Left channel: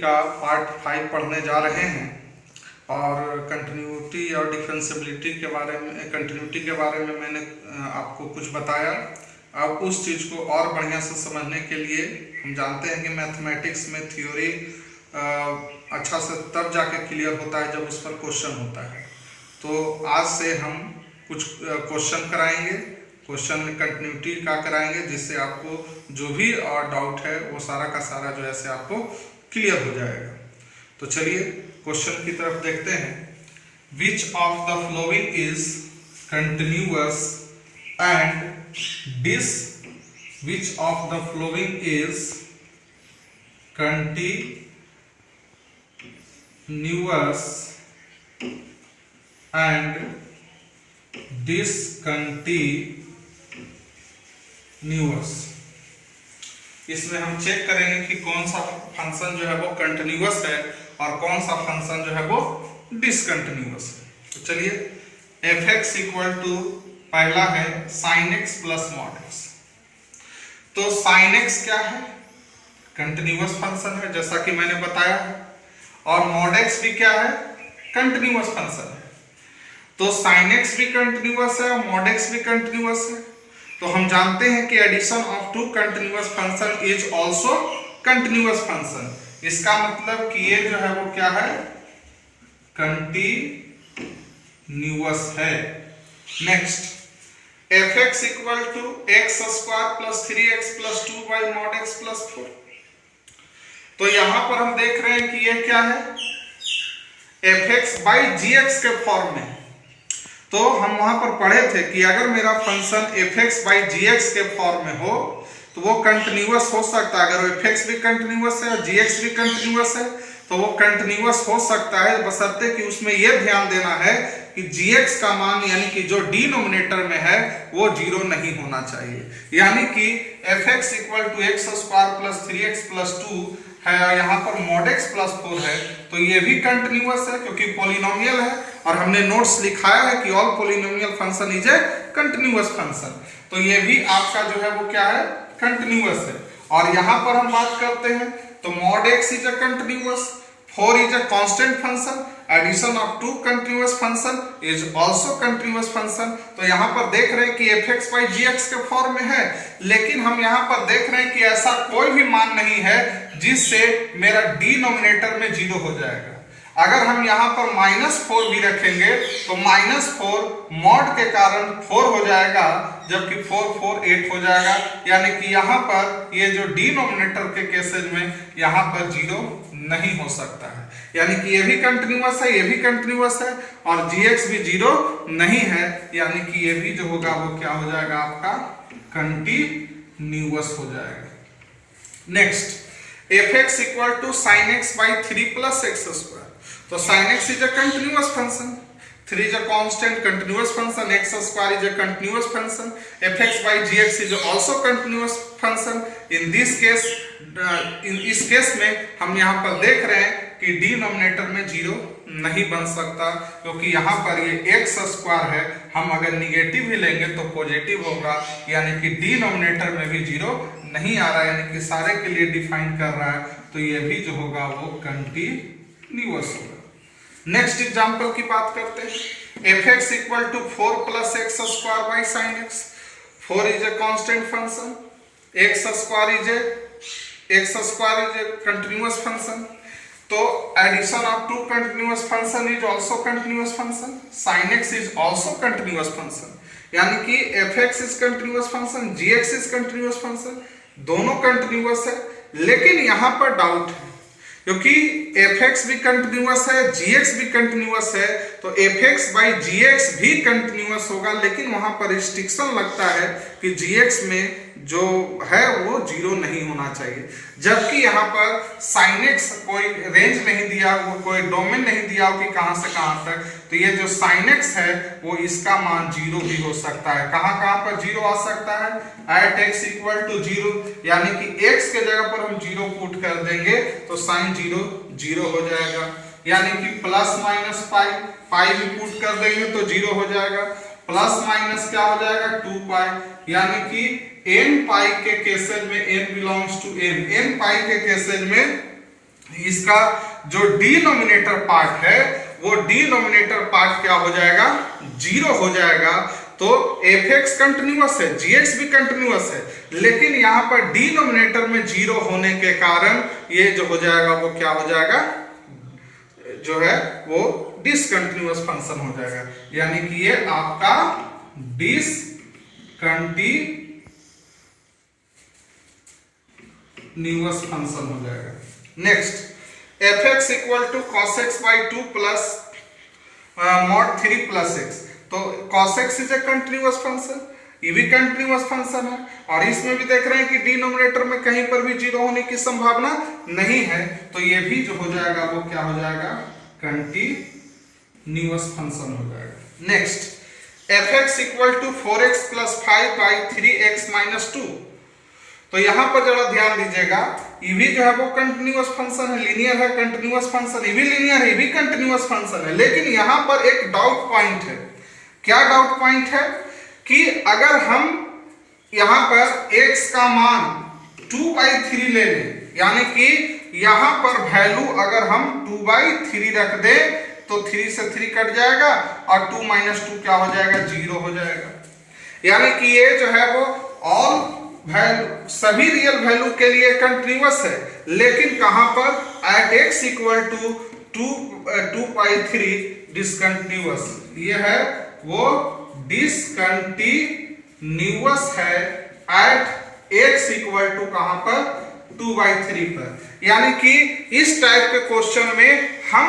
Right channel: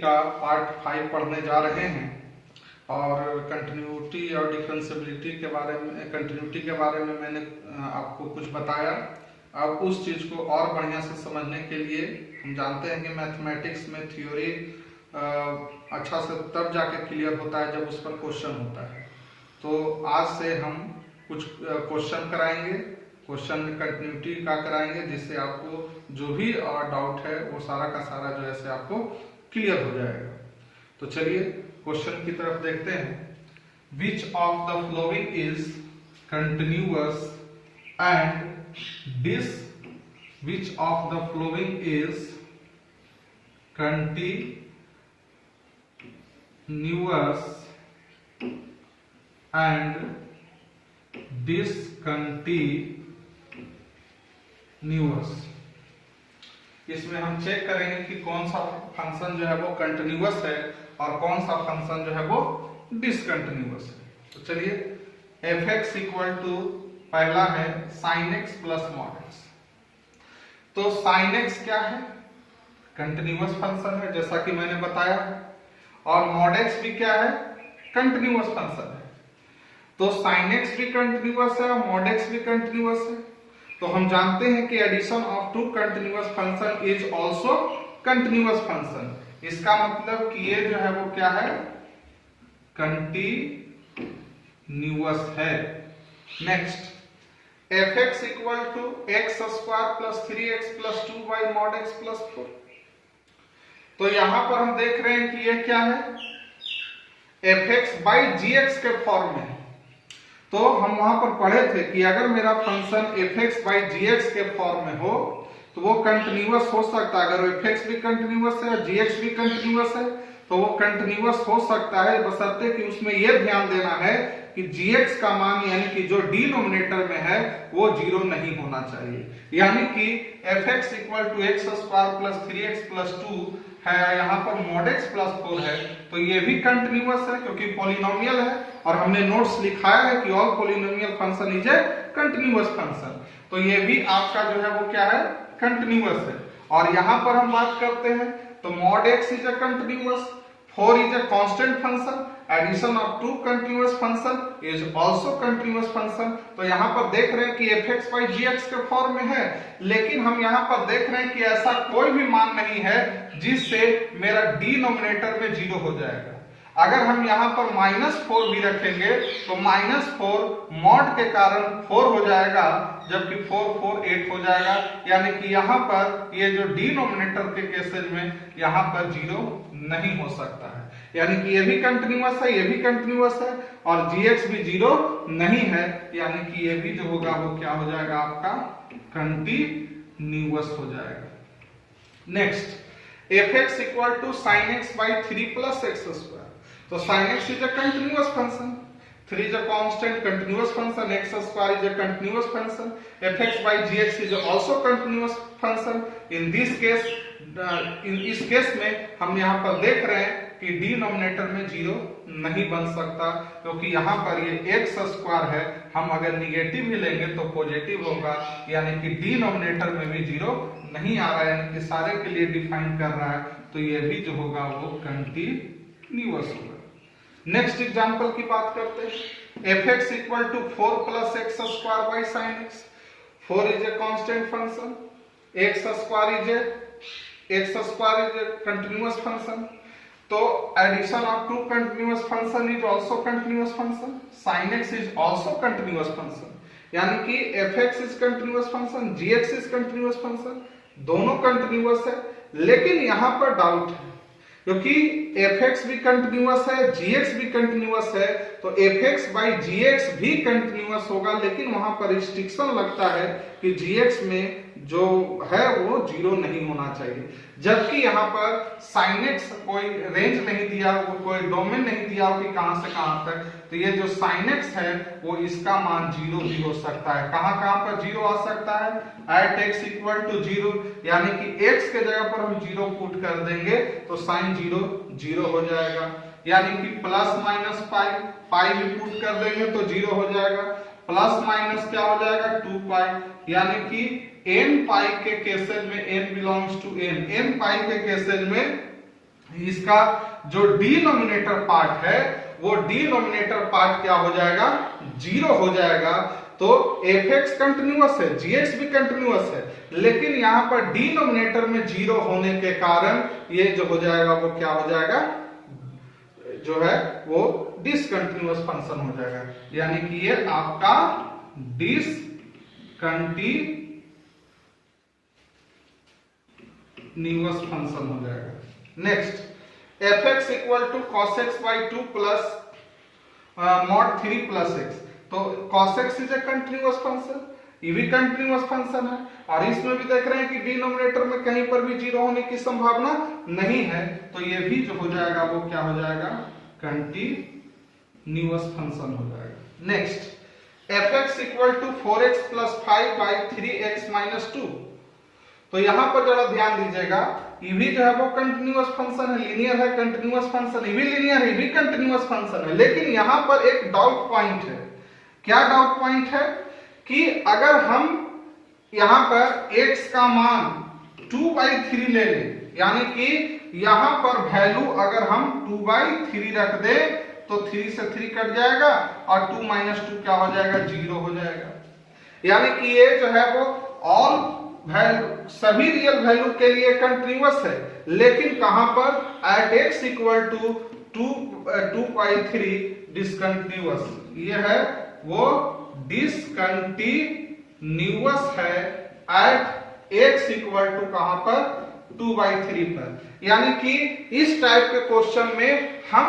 का पार्ट 5 पढ़ने जा रहे हैं और कंटिन्यूटी और डिफरेंशियबिलिटी के बारे में मैंने आपको कुछ बताया। अब उस चीज़ को और बढ़िया से समझने के लिए हम जानते हैं कि मैथमेटिक्स में थ्योरी अच्छा से तब जाके क्लियर होता है जब उस पर क्वेश्चन होता है। तो आज से हम कुछ क्वेश्चन कराएंगे, क्वेश्चन में कंटिन्यूटी का कराएंगे, जिससे आपको जो भी और डाउट है वो सारा का सारा जो है से आपको क्लियर हो जाएगा। तो चलिए क्वेश्चन की तरफ देखते हैं। Which of the following is continuous and dis which of the following is continuous and discontinuous. इसमें हम चेक करेंगे कि कौन सा फंक्शन जो है वो कंटिन्यूअस है और कौन सा फंक्शन जो है वो डिसकंटिन्यूअस है। तो चलिए f(x) इक्वल टू पहला है sin x plus mod x। तो sin x क्या है? कंटिन्यूअस फंक्शन है जैसा कि मैंने बताया है, और mod x भी क्या है? कंटिन्यूअस फंक्शन है। तो sin x भी कंटिन्यूअस है और mod x भी कंटिन्यूअस है। तो हम जानते हैं कि addition of two continuous function is also continuous function. इसका मतलब कि ये जो है वो क्या है? कंटिन्यूअस है। Next f(x) equal to x square plus 3x plus 2y mod x plus 4। तो यहां पर हम देख रहे हैं कि ये क्या है? f(x) बाई gx के फॉर्म में। तो हम वहां पर पढ़े थे कि अगर मेरा फंक्शन f(x) बाई gx के फॉर्म में हो तो वो कंटिन्यूअस हो सकता है। अगर f(x) भी कंटिन्यूअस है और gx भी कंटिन्यूअस है तो वो कंटिन्यूअस हो सकता है, बशर्ते कि उसमें यह ध्यान देना है कि gx का मान यानी कि जो डिनोमिनेटर में है वो 0 नहीं होना चाहिए। यानी कि f(x) equal to x square plus 3x plus 2 है, यहाँ पर mod x प्लस 4 है, तो ये भी कंटिन्यूअस है क्योंकि पॉलिनोमियल है। और हमने नोट्स लिखाया है कि all polynomial function is a continuous function. तो ये भी आपका जो है वो क्या है? कंटिन्यूअस है। और यहाँ पर हम बात करते हैं तो mod x is a continuous, 4 is a constant function, addition of two continuous function is also continuous function। तो यहाँ पर देख रहे हैं कि f(x) by gx के फॉर्म में है, लेकिन हम यहाँ पर देख रहे हैं कि ऐसा कोई भी मान नहीं है जिससे मेरा डिनोमिनेटर में 0 हो जाएगा। अगर हम यहाँ पर -4 भी रखेंगे तो -4 मॉड के कारण 4 हो जाएगा, जबकि 4 4 8 हो जाएगा। यानी कि यहाँ पर ये जो डिनोमिनेटर के केसेज में यहाँ पर 0 नहीं हो सकता है। यानी कि ये भी कंटिन्यूअस है, ये भी कंटिन्यूअस है और gx भी 0 नहीं है। यानी कि ये भी जो होगा वो क्या हो जाएगा? आपका कंटिन्यूअस हो जाएगा। Next f(x) equal to sin x by 3 plus x square. तो sin x is a continuous function, 3 is a constant continuous function, x square is a continuous function, f(x) by gx is also continuous function। in this case इस case में हम यहाँ पर देख रहे हैं कि डिनोमिनेटर में 0 नहीं बन सकता, क्योंकि यहाँ पर ये x स्क्वायर है, हम अगर निगेटिव ही लेंगे तो पॉजिटिव होगा। यानी कि डिनोमिनेटर में भी 0 नहीं आ रहा है, यानी कि सारे के लिए डिफाइन कर रहा है। तो ये भी जो होगा वो कंटिन्यूअस होगा। नेक्स्ट एग्जांपल की बात करते हैं। f(x) equal to 4 plus x square by sin x। 4 is a constant function, x square is a continuous function. तो addition of two continuous function is also continuous function, sin x is also continuous function. यानी कि f(x) is continuous function, gx is continuous function, दोनों continuous है। लेकिन यहाँ पर doubt है, क्योंकि f(x) भी कंटिन्यूअस है, gx भी कंटिन्यूअस है, तो f(x) बाई gx भी कंटिन्यूअस होगा। लेकिन वहां पर रिस्ट्रिक्शन लगता है कि gx में जो है वो 0 नहीं होना चाहिए, जबकि यहाँ पर sin x कोई रेंज नहीं दिया, वो कोई डोमेन नहीं दिया कि कहां से कहां तक। तो ये जो sin x है वो इसका मान 0 भी हो सकता है। कहां कहां पर 0 आ सकता है? at x इक्वल टू 0, यानी कि x के जगह पर हम 0 पुट कर देंगे तो sin 0 0 हो जाएगा। यानी कि प्लस माइनस पाई भी पुट कर देंगे तो 0 हो जाएगा। प्लस माइनस क्या हो जाएगा? 2 यानी कि n पाई के केसेज में n belongs to n, n pi के केसेज में इसका जो डिनोमिनेटर पार्ट है वो डिनोमिनेटर पार्ट क्या हो जाएगा, जीरो हो जाएगा। तो fx कंटिन्यूअस है, gx भी कंटिन्यूअस है, लेकिन यहां पर डिनोमिनेटर में जीरो होने के कारण ये जो हो जाएगा वो क्या हो जाएगा, जो है वो डिसकंटिन्यूअस फंक्शन हो जाएगा। यानी कि ये आपका डिसकंटिन्यूअस फंक्शन हो जाएगा। Next, fx equal to cos x by 2 plus mod 3 plus x। तो cos x is a continuous function, ये भी कंटिन्यूअस फंक्शन है, और इसमें भी देख रहे हैं कि डिनोमिनेटर में कहीं पर भी जीरो होने की संभावना नहीं है, तो ये भी जो हो जाएगा वो क्या हो जाएगा, कंटिन्यूअस फंक्शन हो जाएगा। Next, fx equal to 4x plus 5 by 3x minus 2। तो यहां पर जरा ध्यान दीजिएगा, ये भी जो है वो कंटिन्यूअस फंक्शन है, लीनियर है, कंटिन्यूअस फंक्शन, ये भी लीनियर है, ये भी कंटिन्यूअस फंक्शन है, लेकिन यहां पर एक डाउट पॉइंट है। क्या डाउट पॉइंट है कि अगर हम यहां पर x का मान 2/3 ले लें, यानी कि यहां पर वैल्यू अगर हम 2/3 रख दें तो 3 से 3 कट जाएगा और 2 माइनस 2 क्या हो जाएगा, 0 हो जाएगा। यानी कि ये जो है वो ऑल वैल्यू, सभी रियल वैल्यू के लिए कंटिन्यूअस है, लेकिन कहां पर, at x equal to 2/3 discontinuous. ये है वो डिसकंटिन्यूअस है एट x इक्वल टू कहां पर, 2/3 पर। यानी कि इस टाइप के क्वेश्चन में हम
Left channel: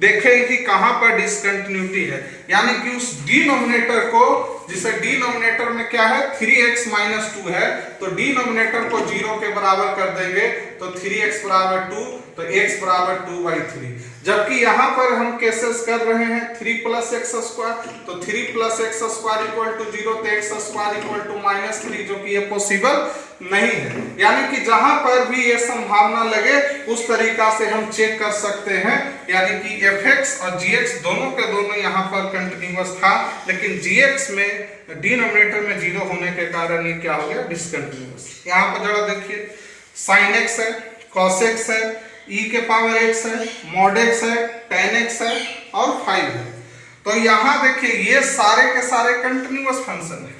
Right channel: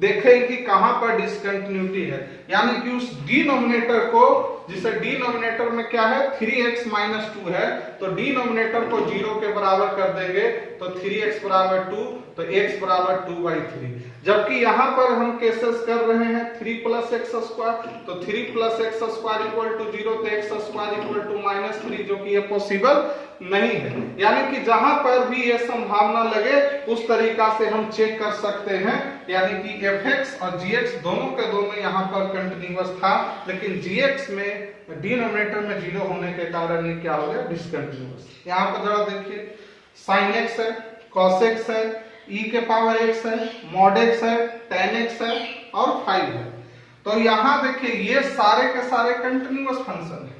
देखें कि कहां पर डिसकंटिन्यूटी है, यानी कि उस डिनोमिनेटर को, जिसे डिनोमिनेटर में क्या है 3x माइनस 2 है, तो डिनोमिनेटर को 0 के बराबर कर देंगे तो 3x बराबर 2, तो x बराबर 2/3। जबकि यहां पर हम केसेस कर रहे हैं 3 प्लस एक्स स्क्वायर, तो 3 plus x square equal to 0, तो एक्स स्क्वायर इक्वल टू -3, जो कि ये पॉसिबल नहीं है। यानी कि जहां पर भी ये संभावना लगे उस तरीका से हम चेक कर सकते हैं, यानी कि fx और gx दोनों के दोनों यहां पर कंटिन्यूअस था, लेकिन gx में डिनोमिनेटर में 0 होने के कारण ये क्या हो गया, डिसकंटिन्यूअस। यहां पर जरा देखिए, sin x है, cos x है, e के पावर x है, mod x है, tan x है और 5 है। तो यहां देखिए ये सारे के सारे कंटिन्यूअस फंक्शन है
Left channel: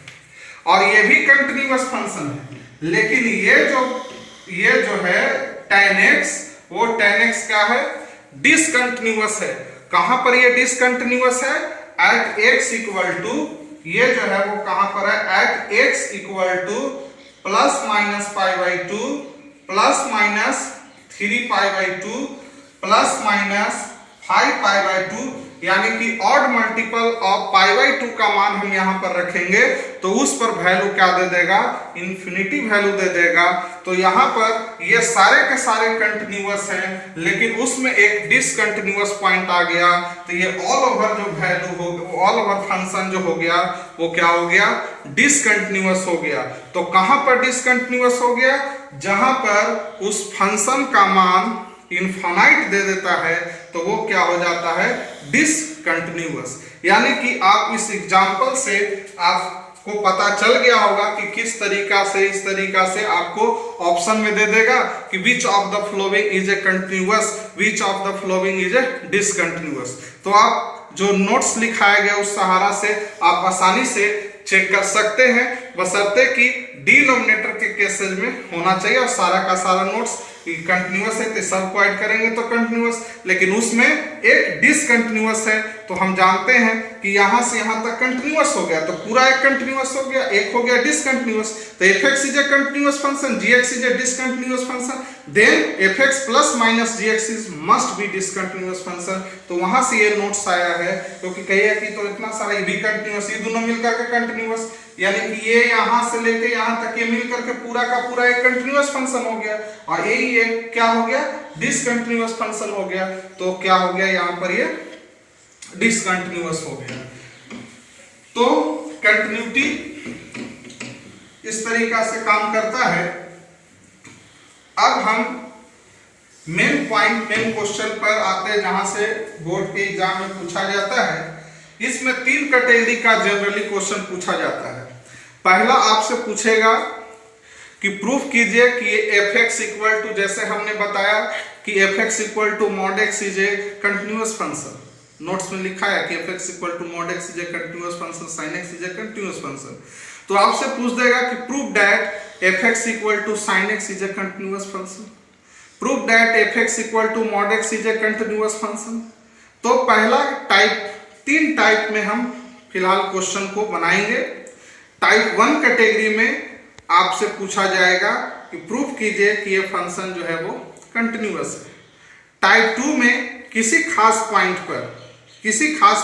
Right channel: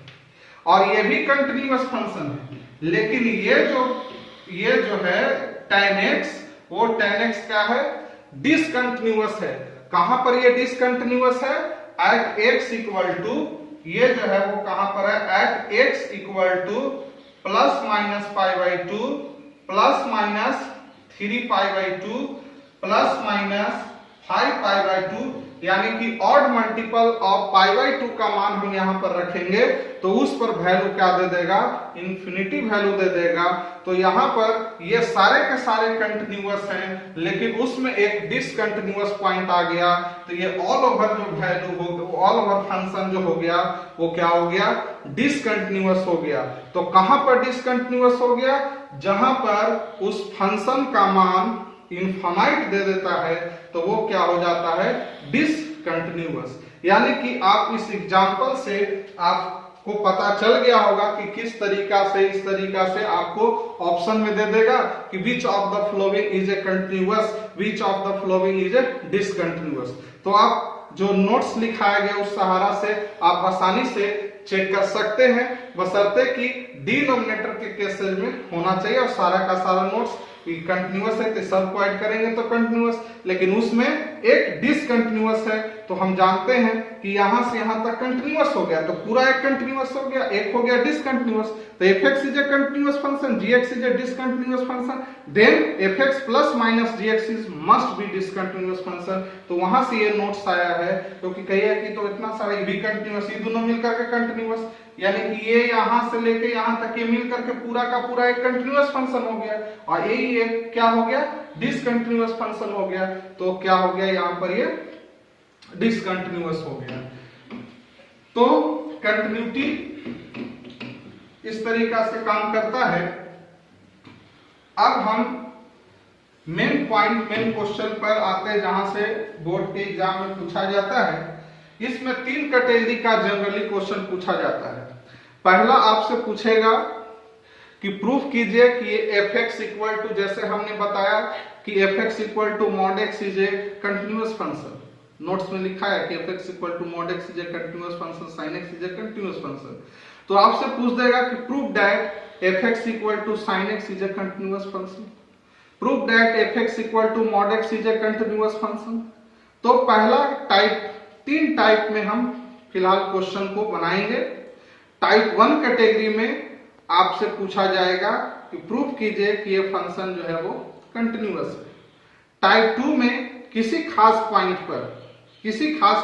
और ये भी कंटिन्यूअस फंक्शन है, लेकिन ये जो है tan x, वो tan x क्या है, डिसकंटिन्यूअस है। कहां पर ये डिसकंटिन्यूअस है, एट x इक्वल टू, ये जो है वो कहां पर है, at x equal to plus minus π/2 plus minus 3π/2 plus minus 5π/2, यानी कि ऑड मल्टीपल ऑफ π/2 का मान हम यहां पर रखेंगे तो उस पर वैल्यू क्या दे देगा, इंफिनिटी वैल्यू दे देगा। तो यहां पर ये सारे के सारे कंटिन्यूअस हैं, लेकिन उसमें एक डिसकंटिन्यूअस पॉइंट आ गया, तो ये ऑल ओवर जो वैल्यू हो, ऑल ओवर फंक्शन जो हो गया वो क्या हो गया, डिसकंटिन्यूअस हो गया। तो कहां पर डिसकंटिन्यूअस हो गया, जहां पर उस फंक्शन का मान इनफाइनाइट दे देता है तो वो क्या हो जाता है, डिसकंटिन्यूअस। यानी कि आप इस एग्जांपल से आपको पता चल गया होगा कि किस तरीका से, इस तरीका से आपको ऑप्शन में दे देगा कि विच of the following is a continuous, which of the following is a discontinuous. तो आप जो नोट्स लिखाया गया उस सहारा से आप आसानी से चेक कर सकते हैं, बशर्ते कि डिनोमिनेटर के केसेस में होना चाहिए और सारा का सारा नोट्स कंटिन्यूअस है तो सब को ऐड करेंगे तो कंटिन्यूअस, लेकिन उसमें एक डिसकंटिन्यूअस है। तो हम जानते हैं कि यहां से यहां तक कंटिन्यूअस हो गया, तो पूरा एक कंटिन्यूअस हो गया, एक हो गया डिसकंटिन्यूअस। तो fx is a continuous function, gx is a discontinuous function, then fx plus minus gx is must be discontinuous function. तो वहां से ये नोट्स आया है, क्योंकि कहिए कि तो इतना सारा ये भी कंटिन्यूअस, ये दोनों मिलकर के कंटिन्यूअस, यानी कि ये यहां से लेके यहां तक ये मिलकर के पूरा का पूरा एक कंटिन्यूअस फंक्शन हो गया, और यही एक क्या हो गया, डिसकंटिन्यूअस फंक्शन हो गया। तो क्या हो गया, यहां पर ये डिसकंटिन्यूअस हो गया। तो कंटिन्यूटी इस तरीका से काम करता है। अब हम मेन पॉइंट, मेन क्वेश्चन पर आते हैं, जहां से बोर्ड के एग्जाम में पूछा जाता है। इसमें 3 कैटेगरी का जनरली क्वेश्चन पूछा जाता है। पहला आपसे पूछेगा कि प्रूफ कीजिए कि fx इक्वल टू, जैसे हमने बताया कि f x equal to mod x is a continuous function, notes में लिखा है कि f x equal to mod x is a continuous function, sine x is a continuous function. तो आपसे पूछ देगा कि prove that f x equal to sine x is a continuous function, prove that f x equal to mod x is a continuous function. तो पहला type, 3 type में हम फिलहाल क्वेश्चन को बनाएंगे। टाइप 1 कैटेगरी में आपसे पूछा जाएगा कि प्रूव कीजिए कि ये फंक्शन जो है वो कंटिन्यूअस है। टाइप 2 में किसी खास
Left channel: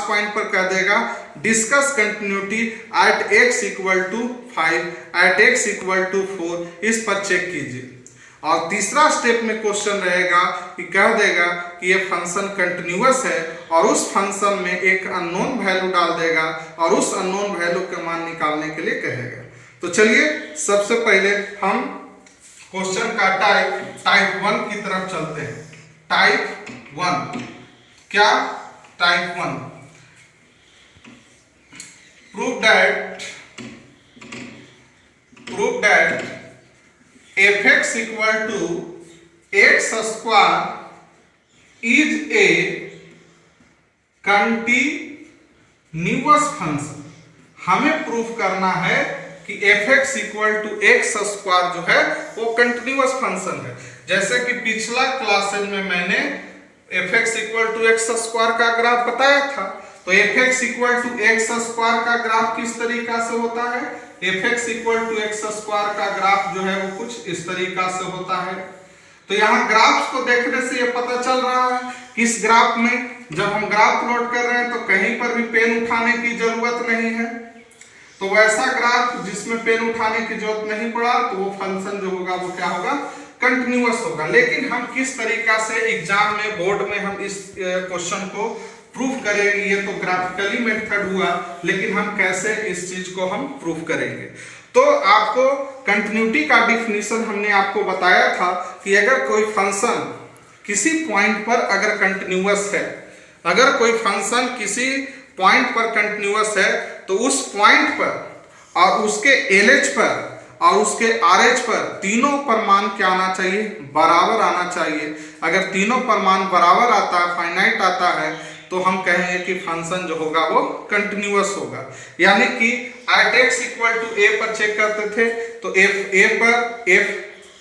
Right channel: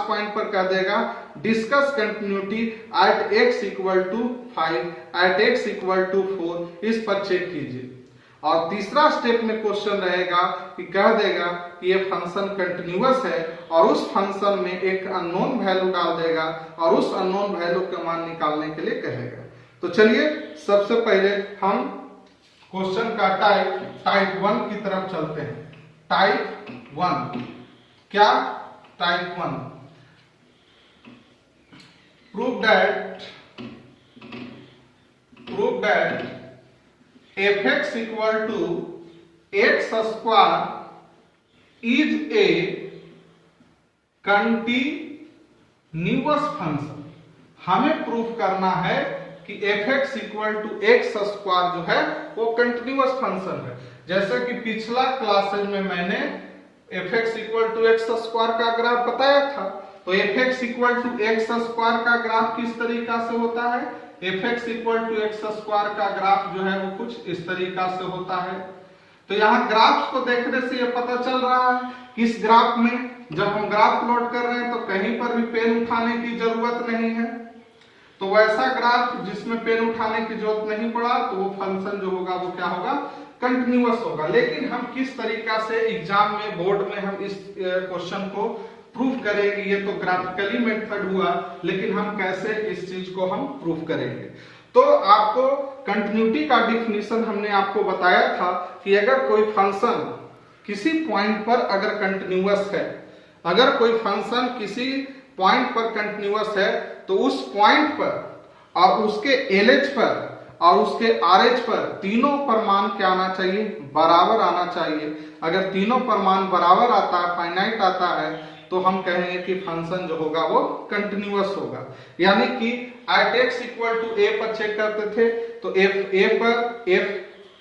पॉइंट पर कह देगा discuss continuity at x equal to 5, at x equal to 4, इस पर चेक कीजिए। और तीसरा स्टेप में क्वेश्चन रहेगा कि कह देगा कि ये फंक्शन कंटिन्यूअस है और उस फंक्शन में एक अननोन वैल्यू डाल देगा और उस अननोन वैल्यू का मान निकालने के लिए कहेगा। तो चलिए सबसे पहले हम क्वेश्चन का टाइप 1 की तरफ चलते हैं। टाइप 1 क्या? Type 1 prove that f x equal to x square is a continuous function. हमें प्रूफ करना है कि f x equal to x square जो है वो कंटिन्यूअस फंक्शन है। जैसे कि पिछला क्लासेज में मैंने f x equal to x square का ग्राफ बताया था। तो f x equal to x square का ग्राफ किस तरीका से होता है? F x equal to x square का ग्राफ जो है वो कुछ इस तरीका से होता है। तो यहाँ ग्राफ को देखने से ये पता चल रहा है कि इस ग्राफ में जब हम ग्राफ प्लॉट कर रहे हैं तो कहीं पर भी पेन उठाने की जरूरत नहीं है। तो वैसा ग्राफ जिसमें पेन उठाने की जरूरत नहीं पड़ा तो वो फंक्शन जो होगा वो क्या होगा? कंटिन्यूअस होगा। लेकिन हम किस तरीका से एग्जाम में, बोर्ड में हम इस क्वेश्चन को प्रूफ करेंगे, ये तो ग्राफिकली मेथड हुआ, लेकिन हम कैसे इस चीज को हम प्रूफ करेंगे? तो आपको कंटिन्यूटी का डिफिनीशन हमने आपको बताया था कि अगर कोई फंक्शन किसी पॉइंट पर अगर कंटिन्यूअस है, अगर कोई फंक्शन किसी पॉइंट पर कंटिन्यूअस है तो उस पॉइंट पर और उसके LH पर और उसके RH पर तीनों पर मान क्या आना चाहिए? बराबर आना चाहिए। अगर तीनों पर मान बराबर आता है, फाइनाइट आता है, तो हम कहेंगे कि फंक्शन जो होगा वो कंटिन्यूअस होगा। यानी कि at x equal to a पर चेक करते थे तो एफ ए पर, एफ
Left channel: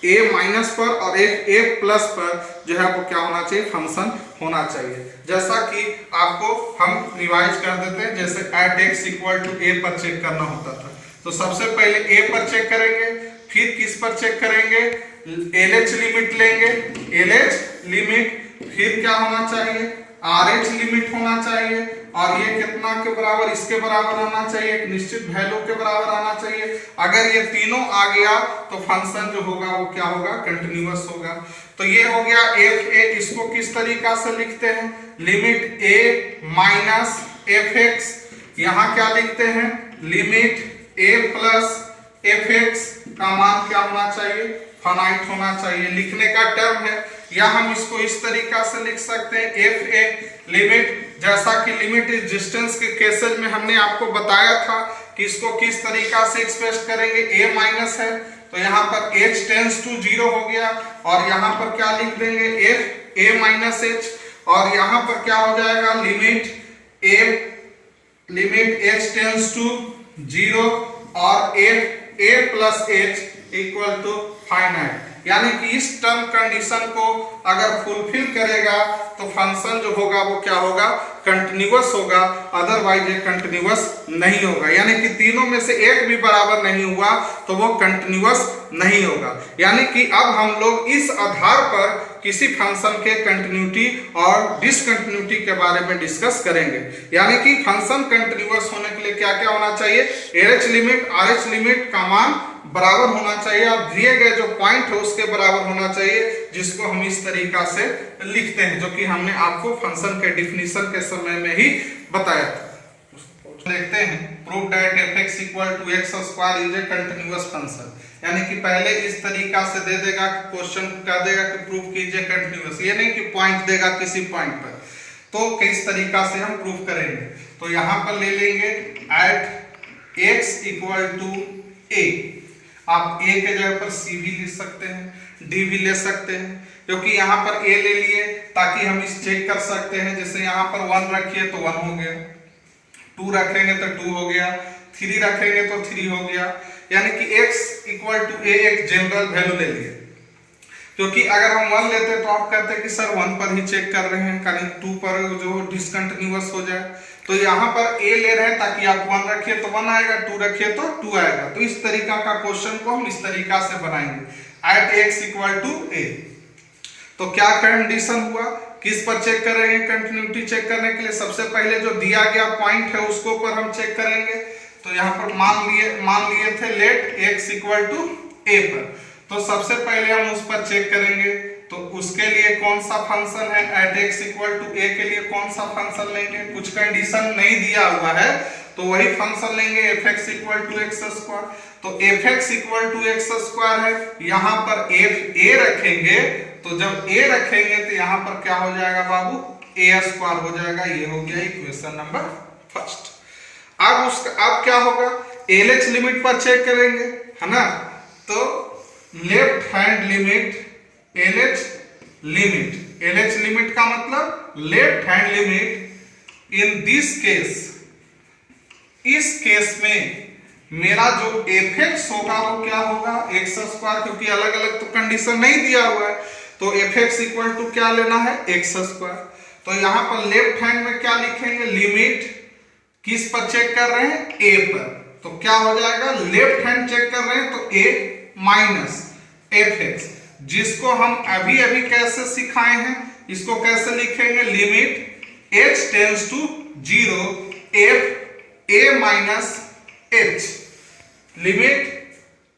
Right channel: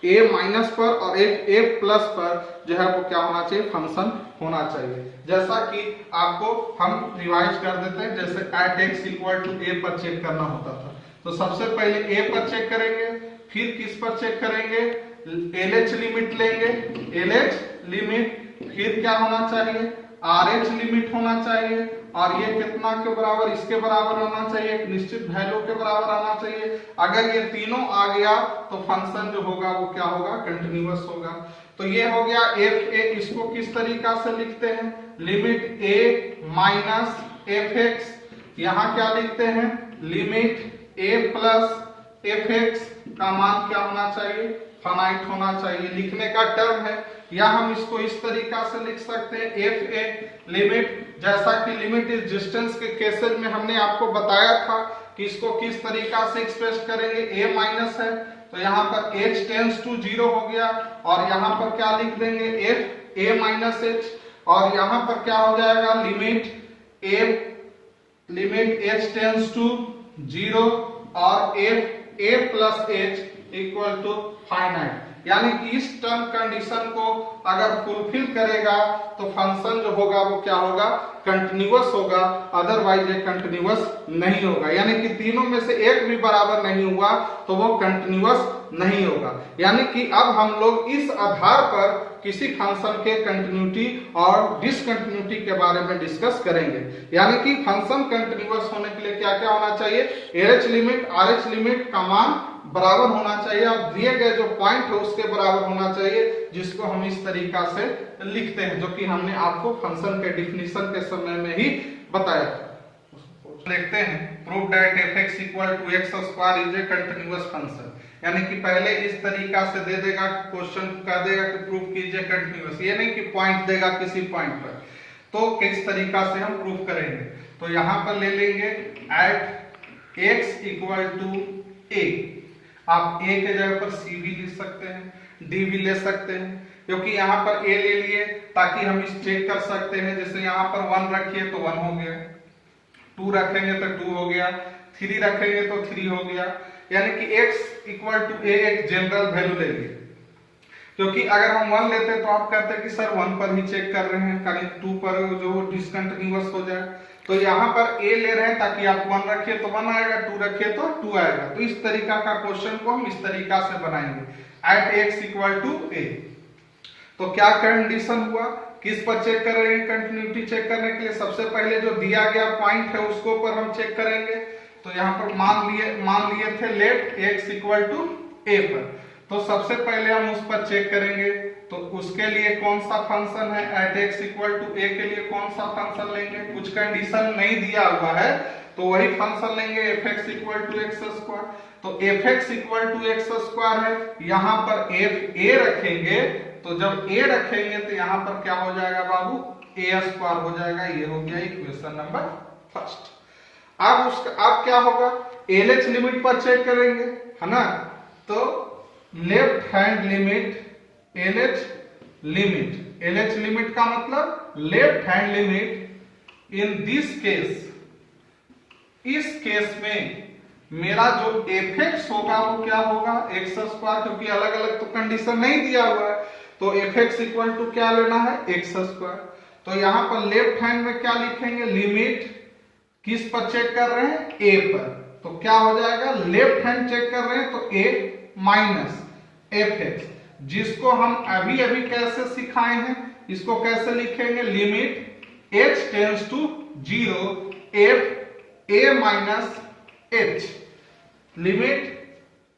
ए माइनस पर और एफ ए प्लस पर जो है वो क्या होना चाहिए? फंक्शन होना चाहिए। जैसा कि आपको हम रिवाइज कर देते हैं, जैसे at x equal to a पर चेक करना होता था तो सबसे पहले a पर चेक करेंगे, फिर किस पर चेक करेंगे? LH लिमिट लेंगे, LH लिमिट, फिर क्या होना चाहिए? RH लिमिट होना चाहिए और ये कितना के बराबर? इसके बराबर आना चाहिए, एक निश्चित वैल्यू के बराबर आना चाहिए। अगर ये तीनों आ गया तो फंक्शन जो होगा वो क्या होगा? कंटिन्यूअस होगा। तो ये हो गया एफ ए। इसको किस तरीका से लिखते हैं? Limit a minus f x, यहाँ क्या लिखते हैं? Limit a plus F x का मान क्या होना चाहिए? फाइनाइट होना चाहिए। लिखने का टर्म है, या हम इसको इस तरीका से लिख सकते हैं एफ ए लिमिट, जैसा कि लिमिट इज डिस्टेंस के केसेस में हमने आपको बताया था कि इसको किस तरीका से एक्सप्रेस करेंगे। a माइनस है तो यहाँ पर h टेंस टू 0 हो गया और यहाँ पर क्या लिख देंगे? f a माइनस h, और यहाँ पर क्या हो जाएगा? लिमिट h टेंस टू 0 और f a plus h equal to finite. यानी कि इस टर्म कंडीशन को अगर फुलफिल करेगा तो फंक्शन जो होगा वो क्या होगा? कंटिन्यूअस होगा, अदरवाइज ये कंटिन्यूअस नहीं होगा। यानी कि तीनों में से एक भी बराबर नहीं हुआ तो वो कंटिन्यूअस नहीं होगा। यानी कि अब हम लोग इस आधार पर किसी फंक्शन के कंटिन्यूटी और डिसकंटिन्यूटी के बारे में डिस्कस करेंगे। यानी कि फंक्शन कंटिन्यूअस होने के लिए क्या क्या होना चाहिए? LH लिमिट, RH लिमिट का मान बराबर होना चाहिए और दिए गए जो पॉइंट है उसके बराबर होना चाहिए, जिसको हम इस तरीका से लिखते हैं, जो कि हमने आपको फंक्शन के डिफिनीशन के समय में ही बताया था। देखते हैं prove that f x equal to x square is a continuous function. यानी कि पहले इस तरीका से दे देगा, क्वेश्चन कह देगा कि प्रूव कीजिए कंटिन्यूअस, ये नहीं कि पॉइंट देगा किसी पॉइंट पर। तो किस तरीका से हम प्रूव करेंगे? तो यहाँ पर ले लेंगे एट एक्स इक्वल टू ए। आप a के जगह पर c भी लिख सकते हैं, d भी ले सकते हैं। क्योंकि यहाँ पर a ले लिए ताकि हम इस चेक कर सकते हैं। जैसे यहाँ पर 1 रखिए तो 1 हो गया, 2 रखेंगे तो 2 हो गया, 3 रखेंगे तो 3 हो गया, यानी कि x इक्वल टू a एक जनरल वैल्यू ले लिए। क्योंकि अगर हम 1 लेते तो आप कहते हैं कि सर 1 पर ही चेक कर रहे हैं, कहीं 2 पर जो डिसकंटिन्यूअस हो जाए। तो यहाँ पर a ले रहे हैं ताकि आप 1 रखिए तो 1 आएगा, 2 रखिए तो 2 आएगा। तो इस तरीका का क्वेश्चन को हम इस तरीका से बनाएंगे, at x equal to a। तो क्या कंडीशन हुआ, किस पर चेक कर रहे हैं? कंटिन्यूटी चेक करने के लिए सबसे पहले जो दिया गया पॉइंट है उसको पर हम चेक करेंगे। तो यहाँ पर मान लिए थे let x equal to a पर, तो सबसे पहले हम उस पर चेक करेंगे। तो उसके लिए कौन सा फंक्शन है, at x equal to a के लिए कौन सा फंक्शन लेंगे? कुछ कंडीशन नहीं दिया हुआ है तो वही फंक्शन लेंगे, fx equal to x square. तो fx equal to x square है, यहाँ पर a रखेंगे, तो जब a रखेंगे तो यहाँ पर क्या हो जाएगा बाबू, a स्क्वायर हो जाएगा। ये हो गया इक्वेशन नंबर फर्स्ट। अब क्या होगा, LH लिमिट पर चेक करेंगे, है ना। तो left hand limit, LH limit का मतलब left hand limit. In this case, इस केस में मेरा जो fx होगा वो क्या होगा, एक्स स्क्वायर, क्योंकि अलग अलग तो कंडीशन नहीं दिया हुआ है। तो fx इक्वल टू क्या लेना है, एक्स स्क्वायर। तो यहाँ पर लेफ्ट हैंड में क्या लिखेंगे, लिमिट किस पर चेक कर रहे हैं, a पर। तो क्या हो जाएगा, लेफ्ट हैंड चेक कर रहे हैं तो a माइनस fx, जिसको हम अभी अभी कैसे सिखाए हैं, इसको कैसे लिखेंगे, limit h tends to 0 f a minus h, limit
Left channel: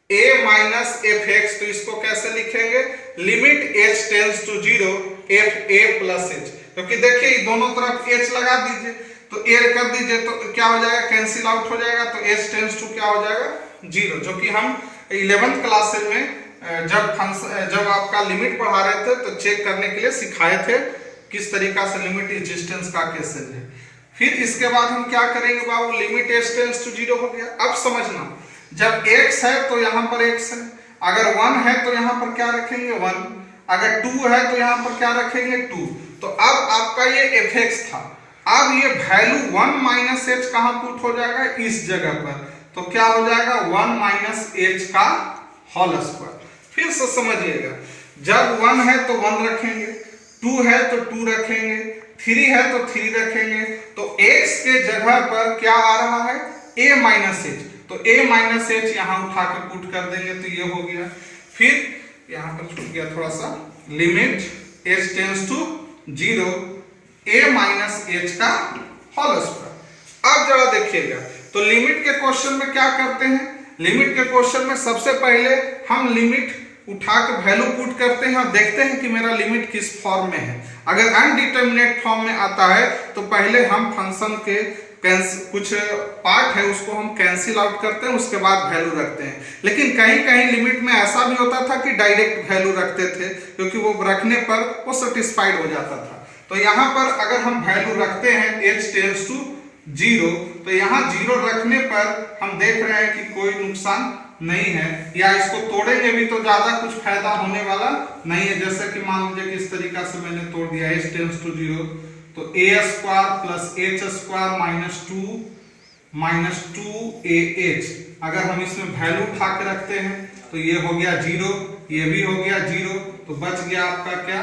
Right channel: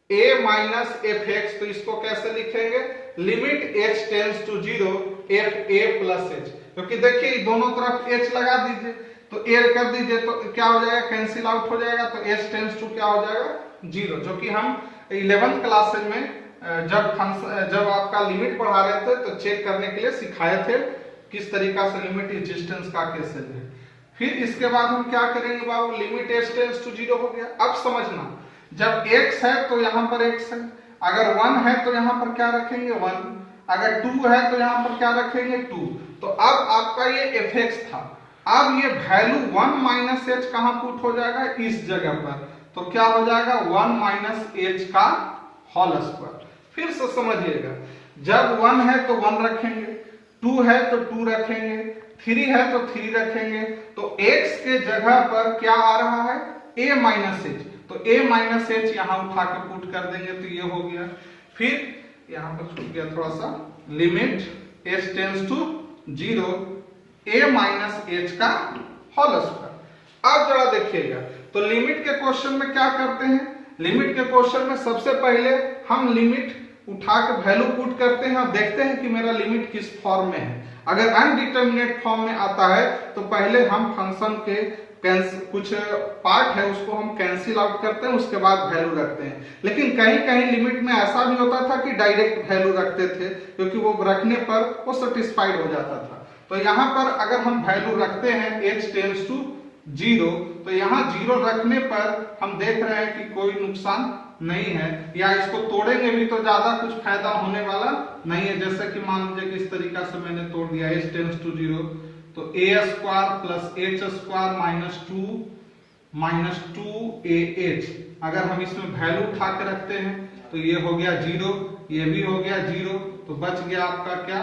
a minus fx। तो इसको कैसे लिखेंगे, limit h tends to 0 f a plus h। क्योंकि देखिए दोनों तरफ h लगा दीजिए तो a कर दीजिए तो क्या हो जाएगा, कैंसिल आउट हो जाएगा। तो h टेंड्स टू क्या हो जाएगा, 0, जो कि हम 11th क्लासेज में जब आपका लिमिट पढ़ा रहे थे तो चेक करने के लिए सिखाए थे किस तरीका से लिमिट एग्जिस्टेंस का कैसे है। फिर इसके बाद हम क्या करेंगे बाबू, लिमिट h टेंड्स टू 0 हो गया। अब समझना, जब x है तो यहाँ पर x है, अगर 1 है तो यहाँ पर क्या रखेंगे 1, अगर 2 है तो यहाँ पर क्या रखेंगे 2। तो अब आपका ये fx था, अब ये वैल्यू 1 माइनस h कहाँ पुट हो जाएगा, इस जगह पर। तो क्या हो जाएगा 1 माइनस h का होल स्क्वायर। फिर से समझिएगा, जब 1 है तो 1 रखेंगे, 2 है तो 2 रखेंगे, 3 है तो 3 रखेंगे। तो x के जगह पर क्या आ रहा है, a माइनस h। तो a माइनस h यहाँ उठा के पुट कर देंगे तो ये हो गया। फिर यहाँ पर छूट गया थोड़ा सा, limit h tends to 0 a minus h का होल स्क्वायर। अब जरा देखिएगा, तो लिमिट के क्वेश्चन में क्या करते हैं, लिमिट के क्वेश्चन में सबसे पहले हम लिमिट उठा के वैल्यू पुट करते हैं और देखते हैं कि मेरा लिमिट किस फॉर्म में है। अगर अनडिटरमिनेट फॉर्म में आता है तो पहले हम फंक्शन के कुछ पार्ट है उसको हम कैंसिल आउट करते हैं, उसके बाद वैल्यू रखते हैं। लेकिन कहीं कहीं लिमिट में ऐसा भी होता था कि डायरेक्ट वैल्यू रखते थे, क्योंकि वो रखने पर वो सेटिस्फाइड हो जाता था। तो यहाँ पर अगर हम वैल्यू रखते हैं h टेंड्स टू 0, तो यहाँ 0 रखने पर हम देख रहे हैं कि कोई नुकसान नहीं है, या इसको तोड़ेंगे भी तो ज्यादा कुछ फायदा होने वाला नहीं है। जैसे कि मान लीजिए किस तरीका से मैंने तोड़ दिया, h टेंड्स टू 0, तो a square plus h square minus 2ah। अगर हम इसमें वैल्यू उठा के रखते हैं तो ये हो गया 0, ये भी हो गया 0, तो बच गया आपका क्या,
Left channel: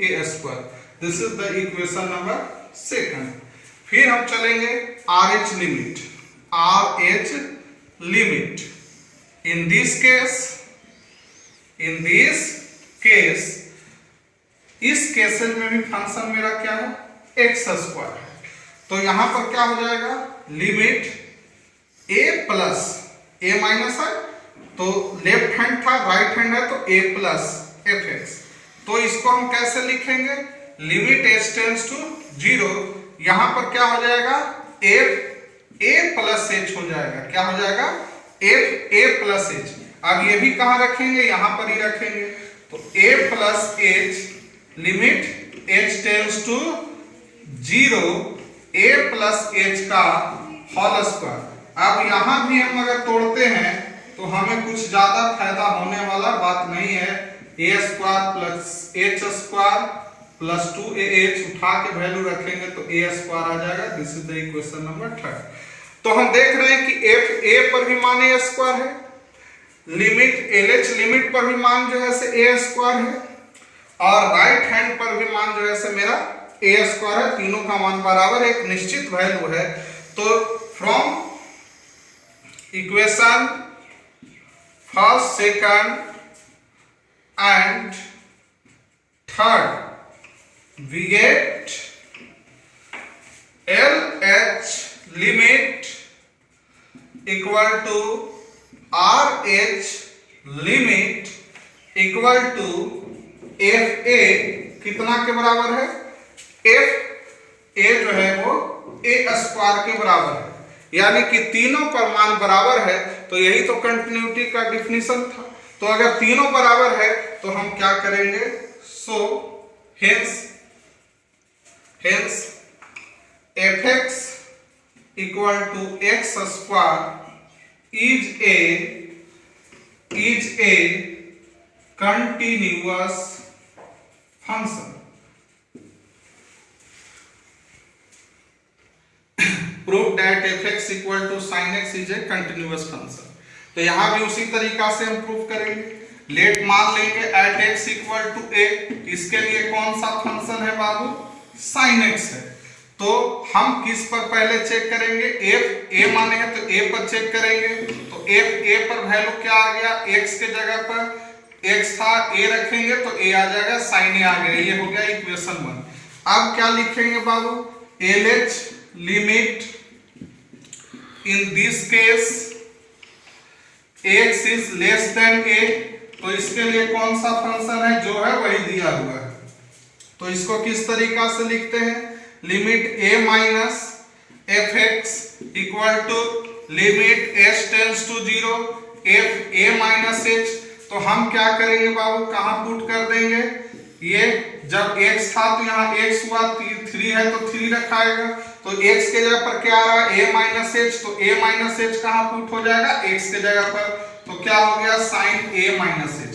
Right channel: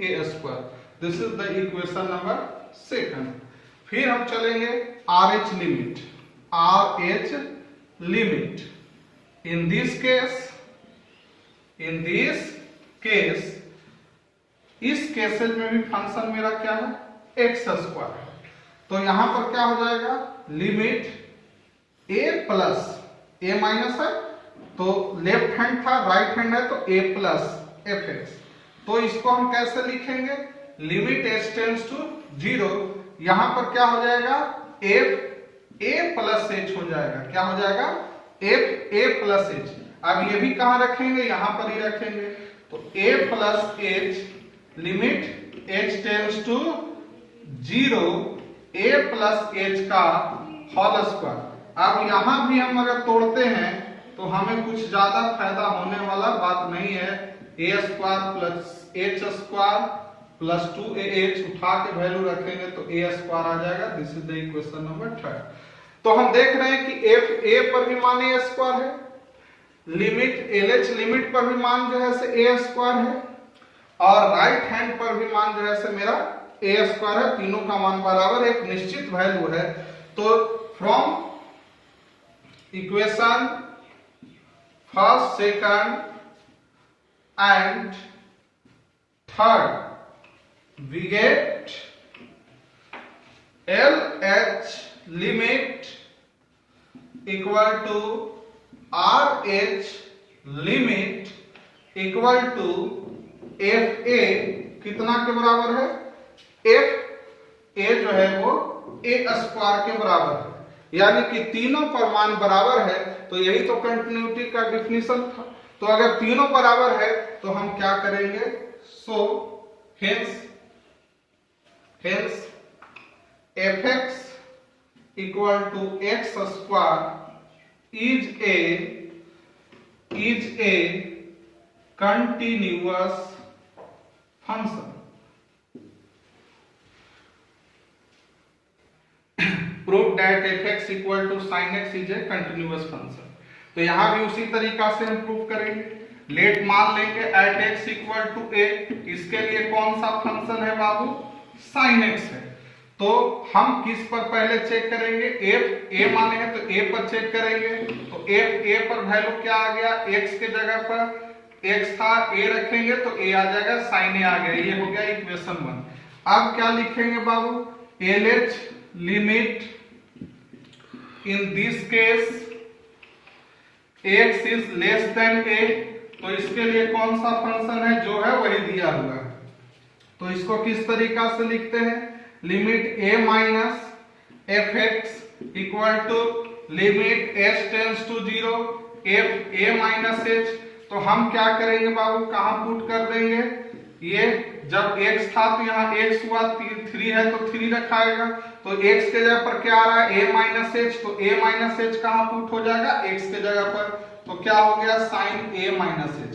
a square. This is the equation number 2। फिर हम चलेंगे RH limit, RH limit. In this case इस केसेस में भी फंक्शन मेरा क्या है, एक्स स्क्वायर है। तो यहां पर क्या हो जाएगा, limit a plus a minus है, तो लेफ्ट हैंड था, राइट हैंड है तो a प्लस fx। तो इसको हम कैसे लिखेंगे, लिमिट h टेंड्स टू 0, यहां पर क्या हो जाएगा, f a प्लस h हो जाएगा। क्या हो जाएगा, f a प्लस h। अब ये भी कहां रखेंगे, यहां पर ही रखेंगे। तो a plus h, limit h tends to 0 a plus h का होल स्क्वायर। अब यहां भी हम अगर तोड़ते हैं तो हमें कुछ ज्यादा फायदा होने वाला बात नहीं है, a square plus h square plus 2ah उठा के वैल्यू रखेंगे तो a स्क्वायर आ जाएगा। This is the equation number 3। तो हम देख रहे हैं कि एफ ए पर भी मान a स्क्वायर है, लिमिट LH लिमिट पर भी मान जो है से a स्क्वायर है, और राइट हैंड पर भी मान जो है से मेरा a स्क्वायर है। तीनों का मान बराबर है, एक निश्चित वैल्यू है। तो from equation first, second and third we get LH limit equal to RH limit equal to FA कितना के बराबर है? FA जो है वो A स्क्वायर के बराबर है, यानी कि तीनों पर मान बराबर है। तो यही तो कंटिन्यूटी का डिफिनीशन था। तो अगर तीनों बराबर है तो हम क्या करेंगे? सो hence fx equal to x square is a continuous function। prove that fx equal to sin x is a continuous function। तो यहां भी उसी तरीका से हम प्रूव करेंगे। लेट मान लेंगे at x equal to a, इसके लिए कौन सा फंक्शन है बाबू? sin x है। तो हम किस पर पहले चेक करेंगे? f a माने हैं तो a पर चेक करेंगे। तो f a पर वैल्यू क्या आ गया? x के जगह पर x था, a रखेंगे तो a आ जाएगा, sin a आ गया। ये हो गया इक्वेशन 1। अब क्या लिखेंगे बाबू? LH limit in this case x is less than a। तो इसके लिए कौन सा फंक्शन है? जो है वही दिया हुआ है। तो इसको किस तरीका से लिखते हैं? Limit a minus f x equal to limit s tends to 0 f a minus h। तो हम क्या करेंगे बाबू? कहां पुट कर देंगे? ये जब x था तो यहाँ x हुआ, 3 है तो 3 रखाएगा। तो x के जगह पर क्या आ रहा है? a minus h। तो a माइनस h कहां पुट हो जाएगा? x के जगह पर। तो क्या हो गया? Sine a minus h।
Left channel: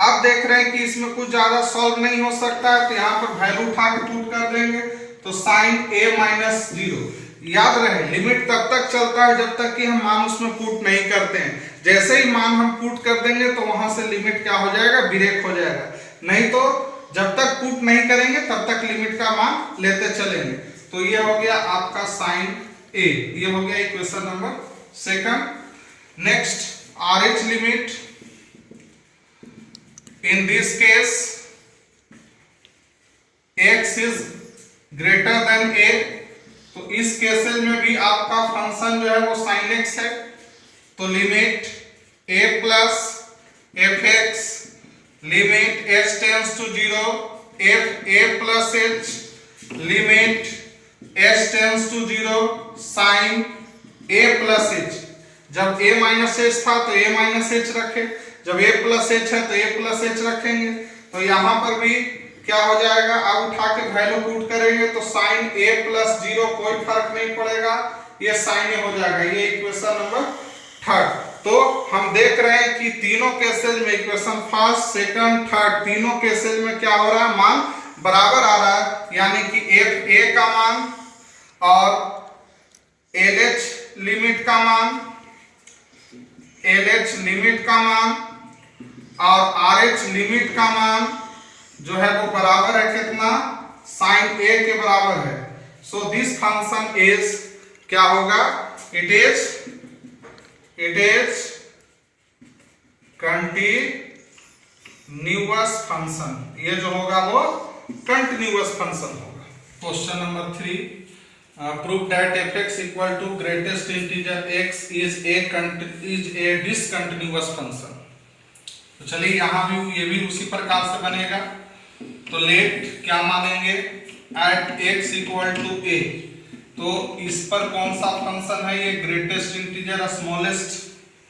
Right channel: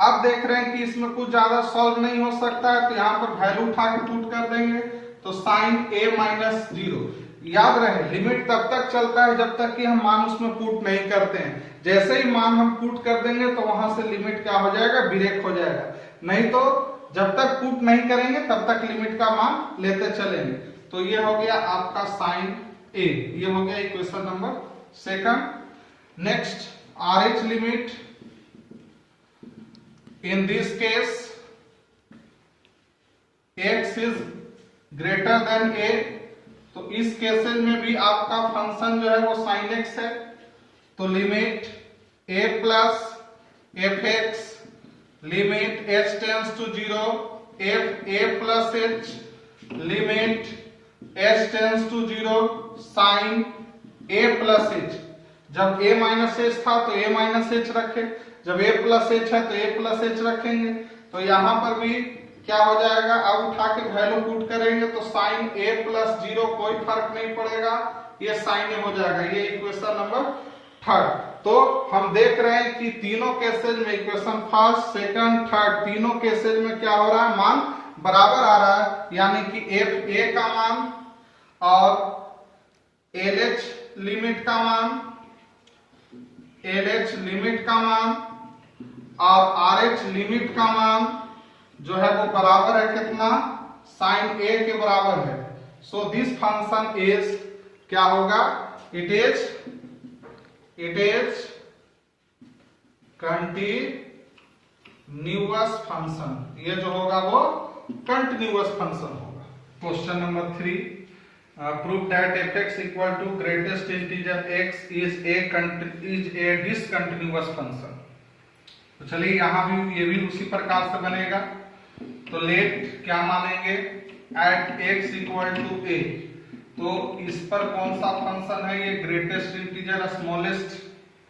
अब देख रहे हैं कि इसमें कुछ ज्यादा सॉल्व नहीं हो सकता है, तो यहाँ पर वैल्यू उठा के पुट कर देंगे। तो साइन a माइनस 0। याद रहे लिमिट तब तक चलता है जब तक कि हम मान उसमें पुट नहीं करते हैं। जैसे ही मान हम पुट कर देंगे तो वहां से लिमिट क्या हो जाएगा? ब्रेक हो जाएगा। नहीं तो जब तक पुट नहीं करेंगे तब तक लिमिट का मान लेते चलेंगे। तो ये हो गया आपका साइन a। ये हो गया equation number 2। Next RH limit in this case x is greater than a। तो इस केसेस में भी आपका फंक्शन जो है वो sin x है। तो limit a plus F X limit h tends to 0 f a plus h limit h tends to 0 sin a plus h। जब a माइनस h था तो a माइनस h रखे, जब a प्लस h है तो a plus h रखेंगे। तो यहां पर भी क्या हो जाएगा? अब उठा के वैल्यू पुट करेंगे तो साइन a प्लस 0 कोई फर्क नहीं पड़ेगा, ये साइन a हो जाएगा। ये इक्वेशन नंबर 3। तो हम देख रहे हैं कि तीनों केसेस में इक्वेशन फर्स्ट, सेकंड, थर्ड तीनों केसेस में क्या हो रहा है? मान बराबर आ रहा है, यानी कि एफ ए का मान और LH लिमिट का मान, LH लिमिट का मान और RH लिमिट का मान जो है वो बराबर है कितना? साइन a के बराबर है। सो दिस फंक्शन इज क्या होगा? It is continuous function. ये जो होगा वो कंटिन्यूअस फंक्शन होगा। Question number 3, prove that fx equal to greatest integer x is a discontinuous function. तो चलिए यहाँ भी ये भी उसी प्रकार से बनेगा। तो लेट क्या मानेंगे? At x equal to a। तो इस पर कौन सा फंक्शन है? ये ग्रेटेस्ट इंटीजर स्मॉलेस्ट